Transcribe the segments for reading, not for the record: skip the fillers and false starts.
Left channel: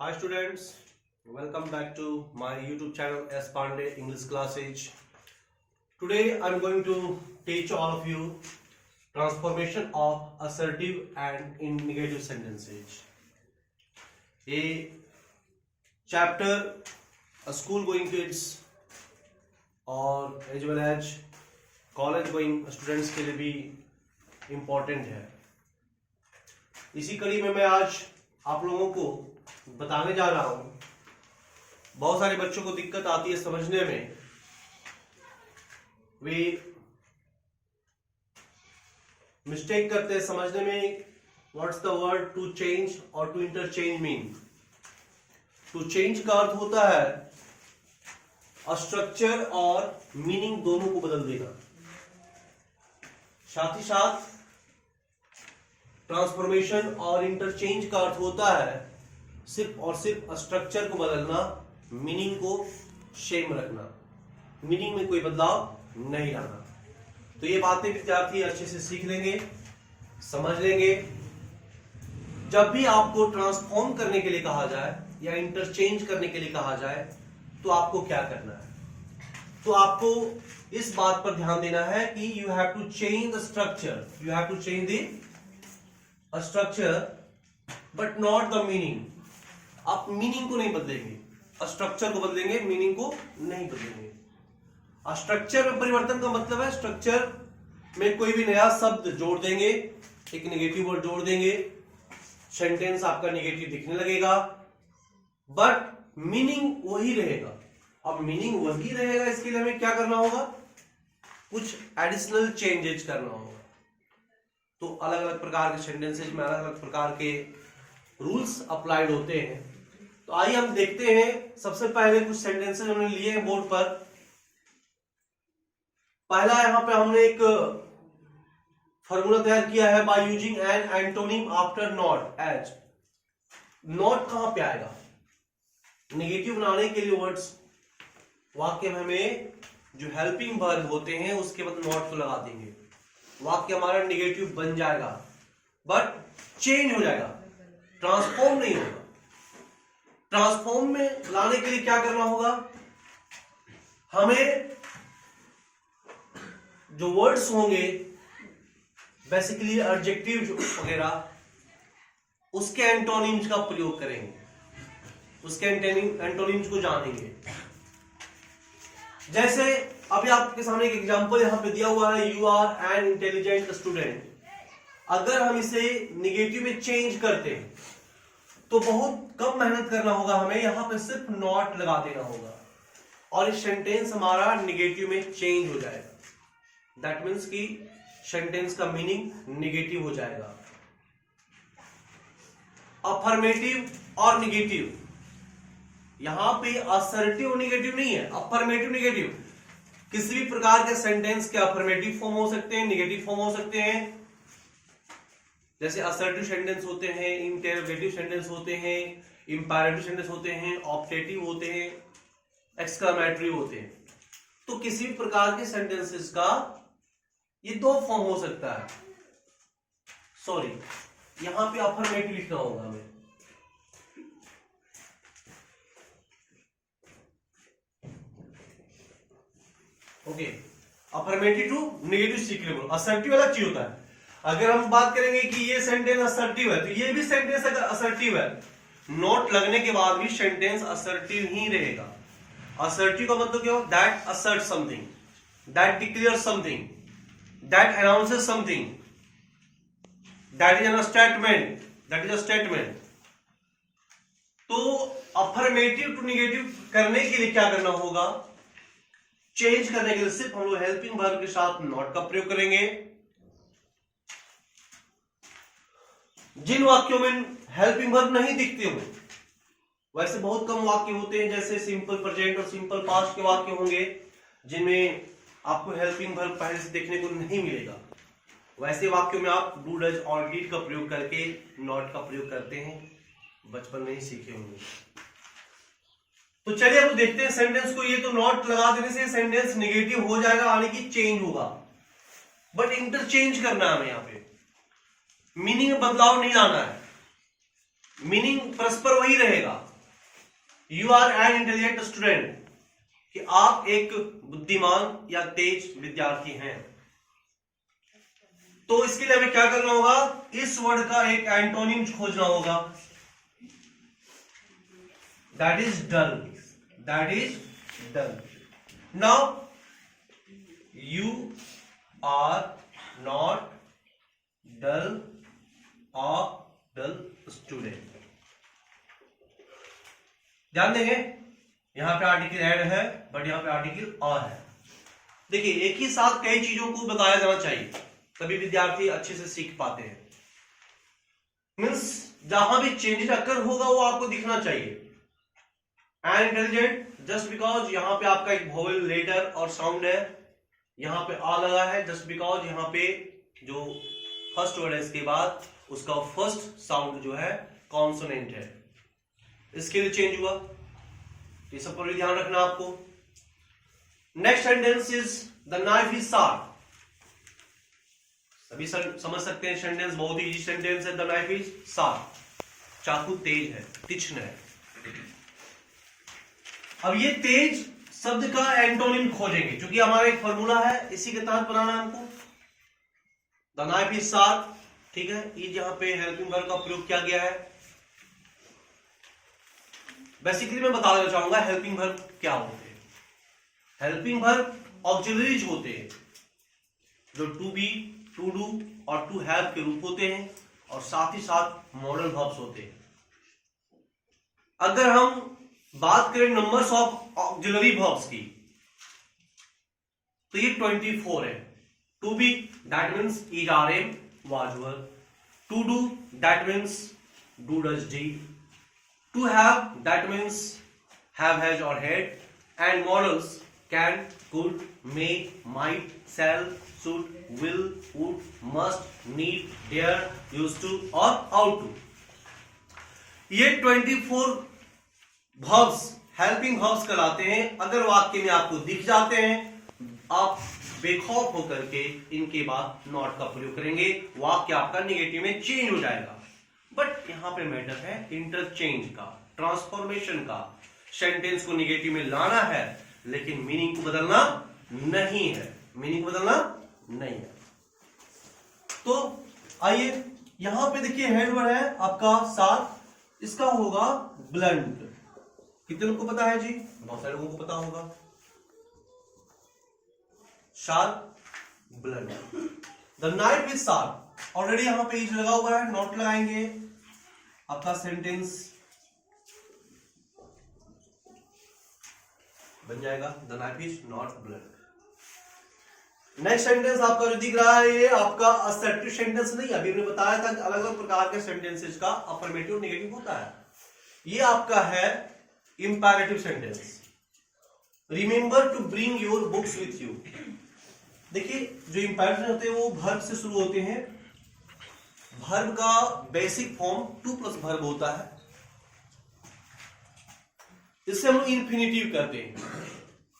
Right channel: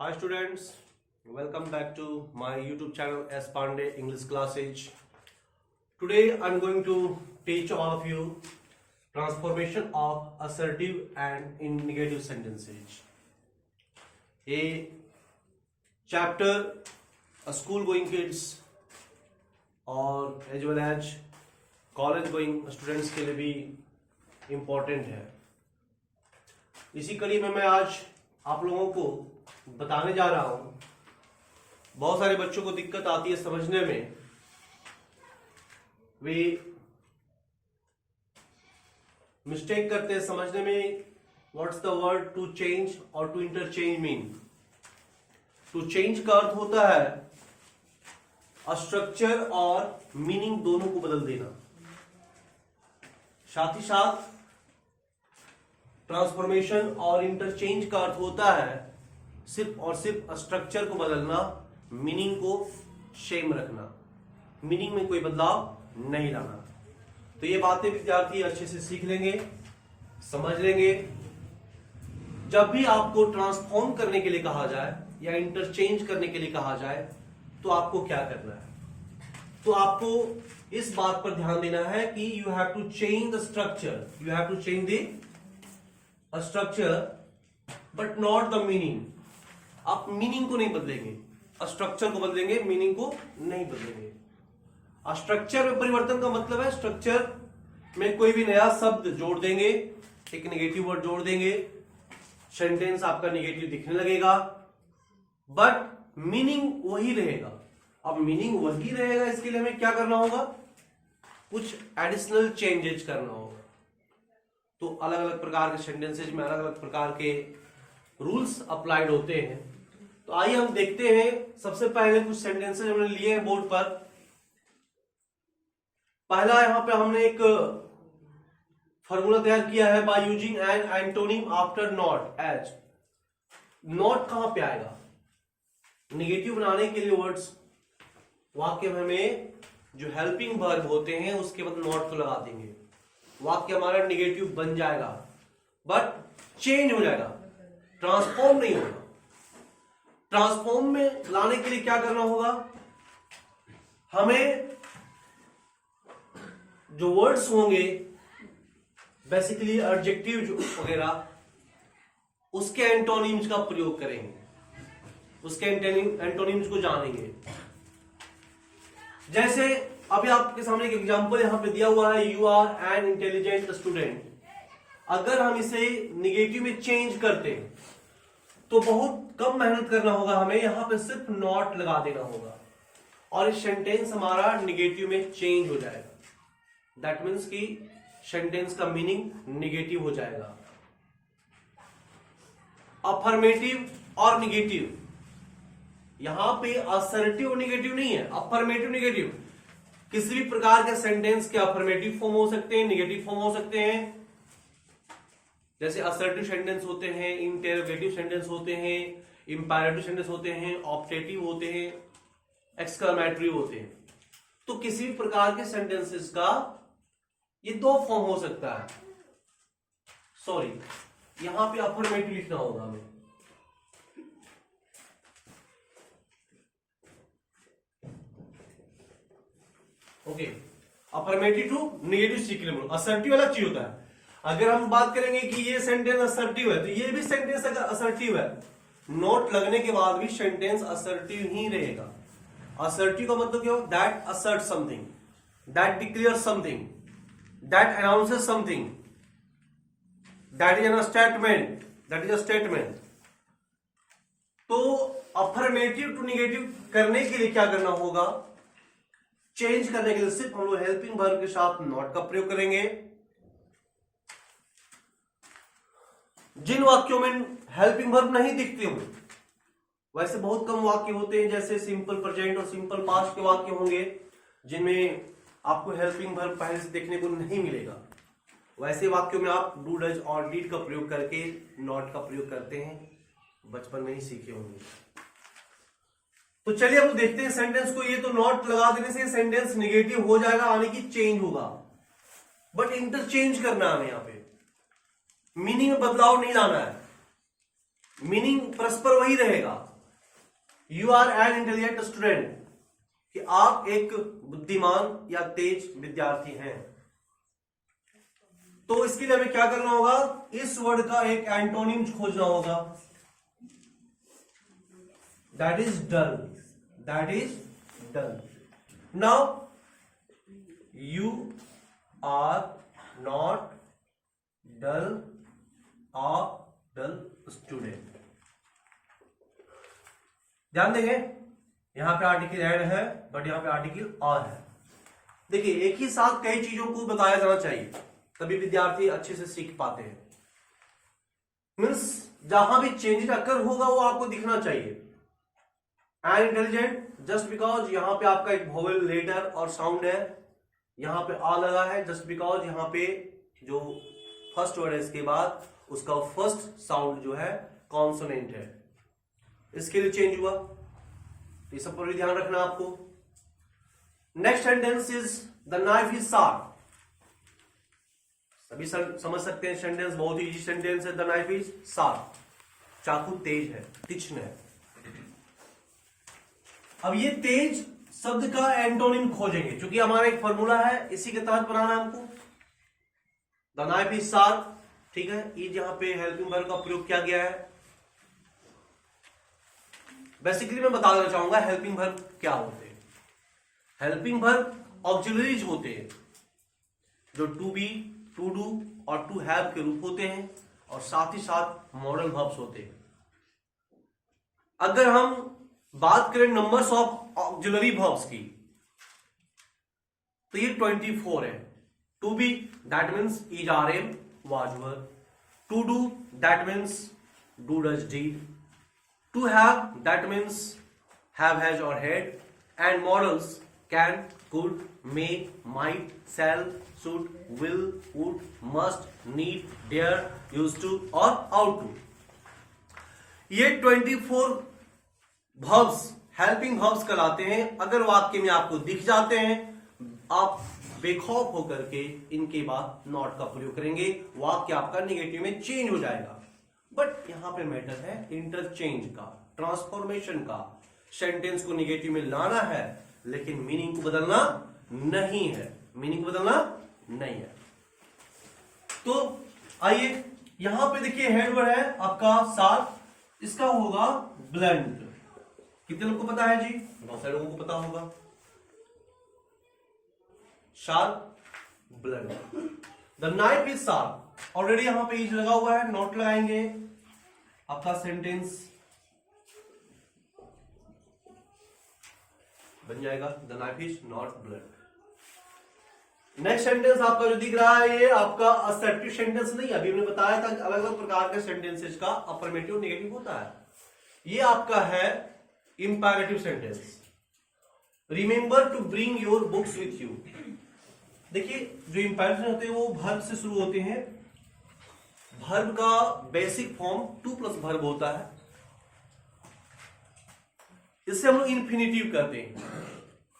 Hi students, welcome back to my YouTube channel S Pandey English Classes. Today I'm going to teach all of you transformation of assertive and in negative sentences. A chapter school going kids और as well as college going students के लिए भी important है. इसी कड़ी में मैं आज आप लोगों को बताने जा रहा हूं. बहुत सारे बच्चों को दिक्कत आती है समझने में. वे मिस्टेक करते हैं समझने में. What's the word to change और to interchange mean. To change का अर्थ होता है स्ट्रक्चर और मीनिंग दोनों को बदल देना. साथ ही साथ ट्रांसफॉर्मेशन और इंटरचेंज का अर्थ होता है सिर्फ और सिर्फ स्ट्रक्चर को बदलना, मीनिंग को सेम रखना, मीनिंग में कोई बदलाव नहीं लाना. तो ये बातें विद्यार्थी अच्छे से सीख लेंगे, समझ लेंगे. जब भी आपको ट्रांसफॉर्म करने के लिए कहा जाए या इंटरचेंज करने के लिए कहा जाए तो आपको क्या करना है. तो आपको इस बात पर ध्यान देना है कि you have to change the structure, you have to change the structure but not the meaning. आप मीनिंग को नहीं बदलेंगे, स्ट्रक्चर को बदलेंगे, मीनिंग को नहीं बदलेंगे. स्ट्रक्चर में परिवर्तन का मतलब है स्ट्रक्चर में कोई भी नया शब्द जोड़ देंगे, एक नेगेटिव वर्ड जोड़ देंगे, सेंटेंस आपका नेगेटिव दिखने लगेगा बट मीनिंग वही रहेगा. अब मीनिंग वही रहेगा इसके लिए हमें क्या करना होगा, कुछ एडिशनल चेंजेस करना होगा. तो अलग अलग प्रकार के सेंटेंसेज में अलग अलग प्रकार के रूल्स अप्लाइड होते हैं. तो आइए हम देखते हैं. सबसे पहले कुछ सेंटेंसेज हमने लिए हैं बोर्ड पर. पहला यहां पे हमने एक फॉर्मूला तैयार किया है by using an antonym after not. As not कहां पे आएगा, नेगेटिव बनाने के लिए वर्ड्स वाक्य में हमें जो हेल्पिंग वर्ब होते हैं उसके बाद नॉट को लगा देंगे. वाक्य हमारा नेगेटिव बन जाएगा बट चेंज हो जाएगा, ट्रांसफॉर्म नहीं होगा. ट्रांसफॉर्म में लाने के लिए क्या करना होगा, हमें जो वर्ड्स होंगे बेसिकली एडजेक्टिव वगैरह उसके एंटोनिम्स का प्रयोग करेंगे, उसके एंटोनिम्स को जानेंगे. जैसे अभी आपके सामने एक एग्जांपल यहां पे दिया हुआ है, you are an intelligent student. अगर हम इसे निगेटिव में चेंज करते हैं तो बहुत कम मेहनत करना होगा, हमें यहां पे सिर्फ नॉट लगा देना होगा और इस सेंटेंस हमारा निगेटिव में चेंज हो जाएगा. दैट मीन्स कि सेंटेंस का मीनिंग निगेटिव हो जाएगा. अफर्मेटिव और निगेटिव, यहां पे असर्टिव निगेटिव नहीं है, अफर्मेटिव निगेटिव. किसी भी प्रकार के सेंटेंस के अफर्मेटिव फॉर्म हो सकते हैं, निगेटिव फॉर्म हो सकते हैं. जैसे असर्टिव सेंटेंस होते हैं, इंटेरोगेटिव सेंटेंस होते हैं, इंपैरेटिव सेंटेंस होते हैं, ऑप्टेटिव होते हैं, एक्सक्लेमेटरी होते हैं. तो किसी भी प्रकार के सेंटेंसेस का ये दो फॉर्म हो सकता है. सॉरी, यहां पे अफर्मेटिव लिखना होगा हमें. ओके, अफर्मेटिव टू नेगेटिव सीखने में असर्टिव अलग चीज होता है. अगर हम बात करेंगे कि ये सेंटेंस असर्टिव है तो ये भी सेंटेंस अगर असर्टिव है, नोट लगने के बाद भी सेंटेंस असर्टिव ही रहेगा. असर्टिव का मतलब क्या हो, that assert something, that declare something, that announces something, that is an statement, that is a statement. तो अफर्मेटिव टू निगेटिव करने के लिए क्या करना होगा, चेंज करने के लिए सिर्फ हम लोग हेल्पिंग वर्ब के साथ नॉट का प्रयोग करेंगे. जिन वाक्यों में हेल्पिंग वर्ब नहीं दिखते हुए, वैसे बहुत कम वाक्य होते हैं जैसे सिंपल प्रेजेंट और सिंपल पास्ट के वाक्य होंगे जिनमें आपको हेल्पिंग वर्ब पहले से देखने को नहीं मिलेगा. वैसे वाक्यों में आप डू डज और डिड का प्रयोग करके नॉट का प्रयोग करते हैं, बचपन में ही सीखे होंगे. तो चलिए अब देखते हैं सेंटेंस को. ये तो नॉट लगा देने से सेंटेंस नेगेटिव हो जाएगा, यानी कि चेंज होगा, बट इंटरचेंज करना है हमें. यहां पे मीनिंग में बदलाव नहीं लाना है. मीनिंग परस्पर वही रहेगा, you are an intelligent student, कि आप एक बुद्धिमान या तेज विद्यार्थी हैं। तो इसके लिए हमें क्या करना होगा, इस वर्ड का एक एंटोनिम खोजना होगा, that is dull, that is dull. Now you are not dull, a dull student. ध्यान देंगे, यहां पे आर्टिकल एड है बट यहां पे आर्टिकल आ है। देखिए एक ही साथ कई चीजों को बताया जाना चाहिए, तभी विद्यार्थी अच्छे से सीख पाते हैं। मीन्स जहां भी चेंजेस अकर होगा वो आपको दिखना चाहिए। एंड इंटेलिजेंट जस्ट बिकॉज यहां पे आपका एक वोवेल लेटर और साउंड है, यहां पे आ लगा है जस्ट बिकॉज यहां पे जो फर्स्ट वर्ड है इसके बाद उसका फर्स्ट साउंड जो है कॉन्सोनेंट है, इसके लिए चेंज हुआ। ये सब पर भी ध्यान रखना आपको। Next sentence is the knife is sharp. सभी समझ सकते हैं सेंटेंस, बहुत ही इजी सेंटेंस है। द नाइफ इज शार्प, चाकू तेज है, तीक्ष्ण है। अब ये तेज शब्द का एंटोनिम खोजेंगे, क्योंकि हमारा एक फॉर्मूला है, इसी के तहत बनाना है हमको। द नाइफ इज शार्प, ठीक है। इज यहां पे हेल्पिंग वर्ब का प्रयोग किया गया है। बेसिकली मैं बता देना चाहूंगा हेल्पिंग वर्ब क्या होते हैं। हेल्पिंग वर्ब ऑक्सिलरीज होते हैं जो टू बी, टू डू और टू हैव के रूप होते हैं, और साथ ही साथ मॉडल वर्ब्स होते हैं। अगर हम बात करें नंबर्स ऑफ ऑक्सिलरी वर्ब्स की, तो ये 24 है। To be that means is, are, am, was, were. To do that means do, does, did. To have that means have, has or had, and models can, could, may, might, shall, should, will, would, must, need, dare, used to और ought to। ये 24 verbs helping verbs कहलाते हैं। अगर वाक्य में आपको दिख जाते हैं, आप बेखौफ होकर के इनके बाद नॉट का प्रयोग करेंगे, वाक्य आपका निगेटिव में चेंज हो जाएगा। बट यहां पे मैटर है इंटरचेंज का, ट्रांसफॉर्मेशन का। सेंटेंस को निगेटिव में लाना है, लेकिन मीनिंग को बदलना नहीं है, मीनिंग को बदलना नहीं है। तो आइए यहां पे देखिए हेडवर्ड है आपका शार्प, इसका होगा ब्लंट। कितने लोगों को पता है जी? बहुत सारे लोगों को पता होगा। Sharp, blunt. The knife is sharp, already यहां पे इज लगा हुआ है, नॉट लगाएंगे, आपका सेंटेंस बन जाएगा the knife is not blunt. Next sentence आपका जो दिख रहा है ये आपका असर्टिव सेंटेंस नहीं, अभी हमने बताया था कि अलग अलग प्रकार के सेंटेंसेस का अफर्मेटिव नेगेटिव होता है। ये आपका है imperative sentence. Remember to bring your books with you. देखिए जो इंपैरेटिव होते हैं वो वर्ब से शुरू होते हैं। वर्ब का basic form two plus verb होता है, इससे हम लोग इन्फिनिटिव करते हैं।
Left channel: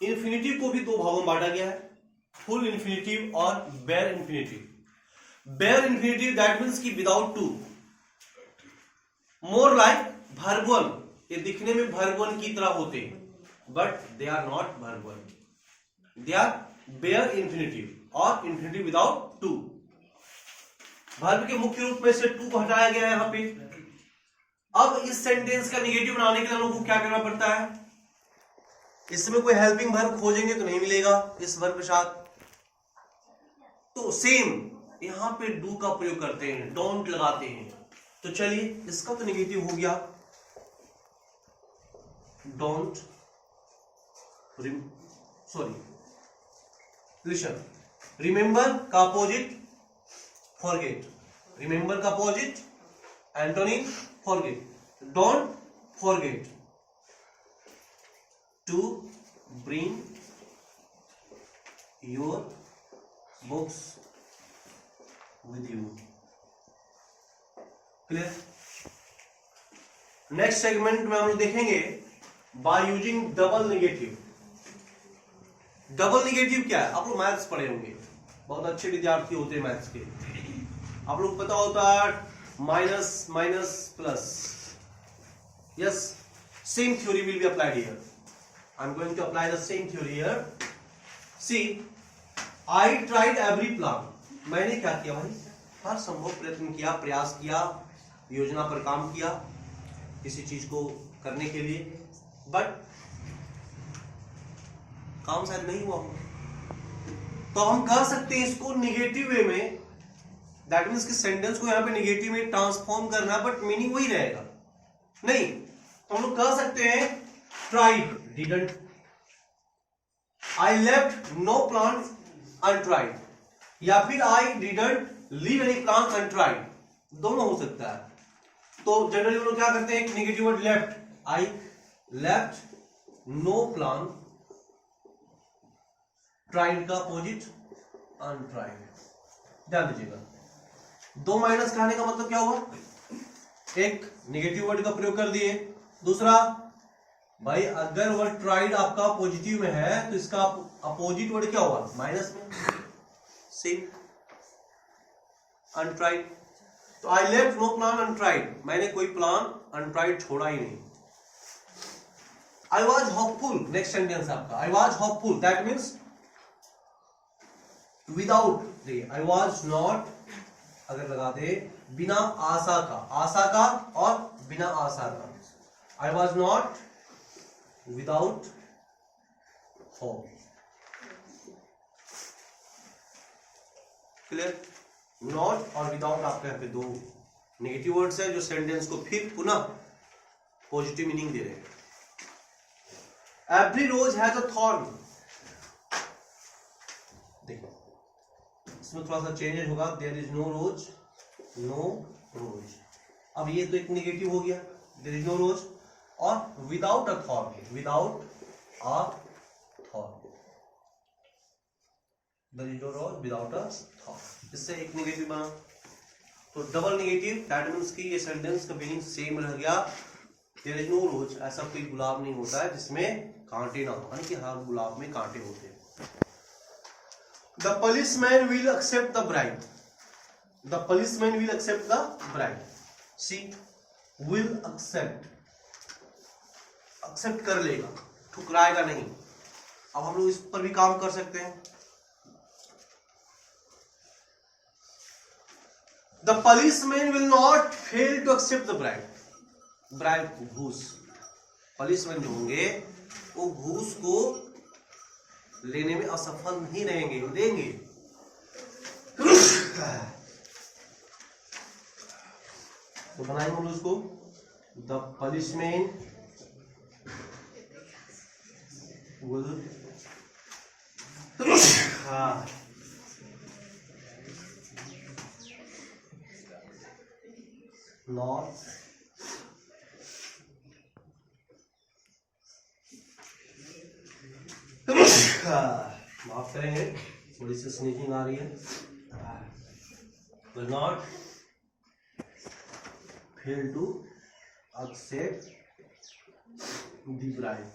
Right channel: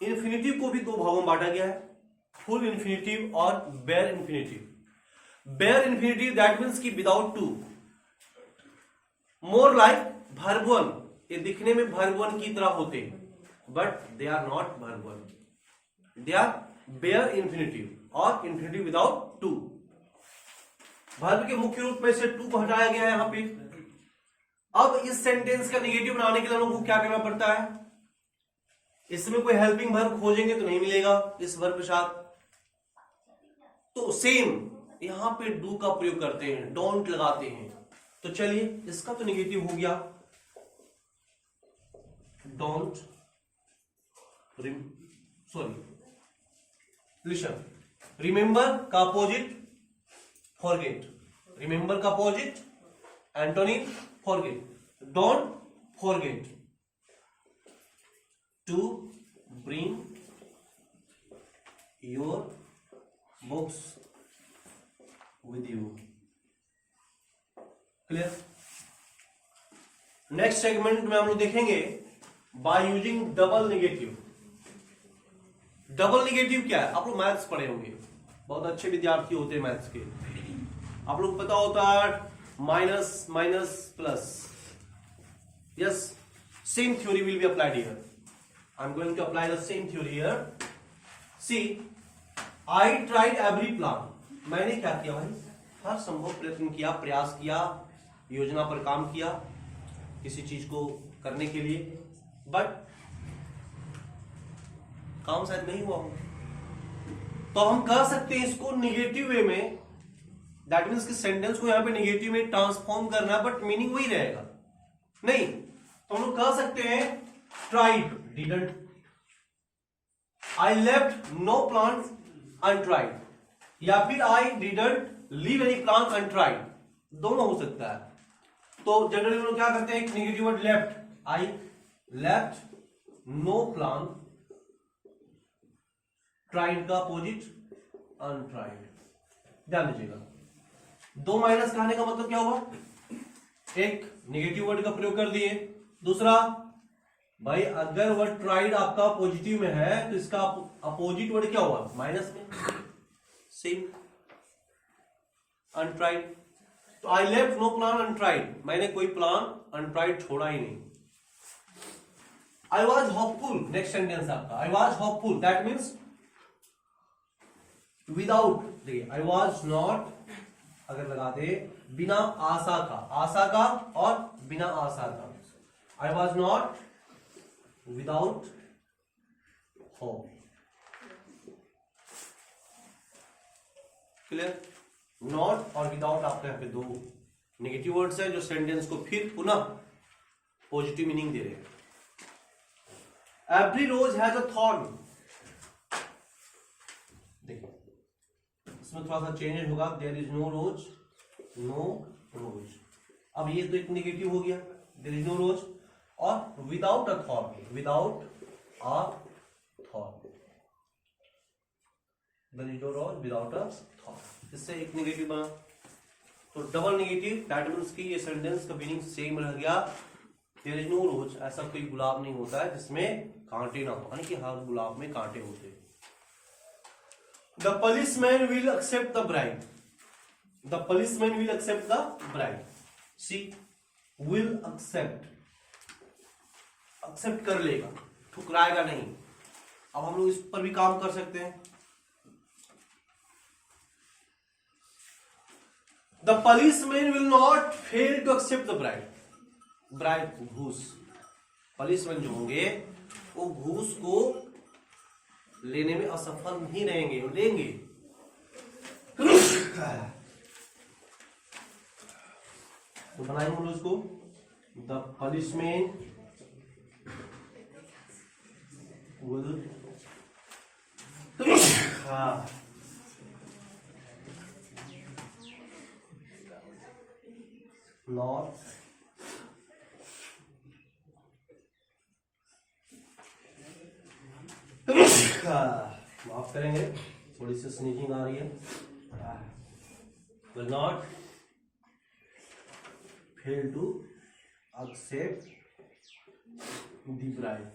इन्फिनिटिव को भी दो भागों में बांटा गया है, फुल इन्फिनिटिव और bare infinitive. Bare infinitive that means की without to, more like verb one. ये दिखने में वर्ब वन की तरह होते हैं, but they are not verb one, they are bare infinitive और इन्फिनिटिव विदाउट टू। वर्ब के मुख्य रूप में से टू को हटाया गया है यहां पे। अब इस सेंटेंस का निगेटिव बनाने के लिए लोगों को क्या करना पड़ता है, इसमें कोई हेल्पिंग वर्ब खोजेंगे तो नहीं मिलेगा इस वर्ब के साथ, तो सेम यहां पे डू का प्रयोग करते हैं, डोंट लगाते हैं। तो चलिए इसका तो निगेटिव हो गया, डोंट, सॉरी लिसन। रिमेंबर का अपोजिट फॉरगेट, रिमेंबर का opposite antonym forget. Don't forget to bring your books with you. Clear? Next segment में हम लोग देखेंगे by using double negative. Double negative क्या है? आप लोग मैथ्स पढ़े होंगे, बहुत अच्छे विद्यार्थी होते हैं मैथ्स के। आप लोग पता होता है minus minus plus, Yes, same theory will be applied here. I'm going to apply the same theory here. See, I tried every plan. मैंने क्या किया भाई, हर संभव प्रयत्न किया, प्रयास किया, योजना पर काम किया किसी चीज को करने के लिए, बट काम शायद नहीं हुआ होगा। तो हम कह सकते हैं इसको निगेटिव वे में, दैट मीन्स कि सेंटेंस को यहां पे निगेटिव में ट्रांसफॉर्म करना है, बट मीनिंग वही रहेगा। नहीं तो हम लोग कह सकते हैं tried didn't, I left no plan untried, या फिर I didn't leave any plan untried, दोनों हो सकता है। तो जनरली हम लोग क्या करते हैं, एक negative word left, I left no plan, tried का अपोजिट अनट्राइड। ध्यान दीजिएगा, दो माइनस का आने का मतलब क्या हुआ, एक नेगेटिव वर्ड का प्रयोग कर दिए, दूसरा भाई अगर वर्ड ट्राइड आपका पॉजिटिव में है तो इसका अपोजिट वर्ड क्या हुआ, माइनस में, सेम अनट्राइड। तो I left no plan untried, मैंने कोई प्लान अनट्राइड छोड़ा ही नहीं। I was hopeful, next sentence आपका, I was hopeful, that means without, देखिए आई वॉज नॉट अगर लगा दे बिना आशा का, आशा का और बिना आशा का, I was not without hope. Clear, not और विदाउट आपके यहाँ पे दो नेगेटिव वर्ड्स है जो सेंटेंस को फिर पुनः पॉजिटिव मीनिंग दे रहे हैं। Every rose has a thorn, देखो इसमें थोड़ा सा चेंजेस होगा, there is no rose, no rose. अब ये तो एक नेगेटिव हो गया, देयर इज नो रोज, और without a thorn, without a thorn, there is no rose without a thorn, इससे एक नेगेटिव बना। तो डबल नेगेटिव, दैट मीन्स कि ये सेंटेंस का मीनिंग सेम रह गया। देयर इज नो रोज, ऐसा कोई गुलाब नहीं होता है जिसमें कांटे ना हो, यानी कि हर गुलाब में कांटे होते हैं। The policeman will accept the bribe. The policeman will accept the bribe. See, will accept, accept कर लेगा, ठुकराएगा नहीं। अब हम लोग इस पर भी काम कर सकते हैं। The policeman will not fail to accept the bribe. Bribe घूस, policeman जो होंगे वो घूस को लेने में असफल नहीं रहेंगे, वो देंगे। तो बनाएंगे हम लोग उसको, द policeman will not माफ करेंगे, थोड़ी सी स्नीजिंग आ रही है। will not fail to accept the bribe.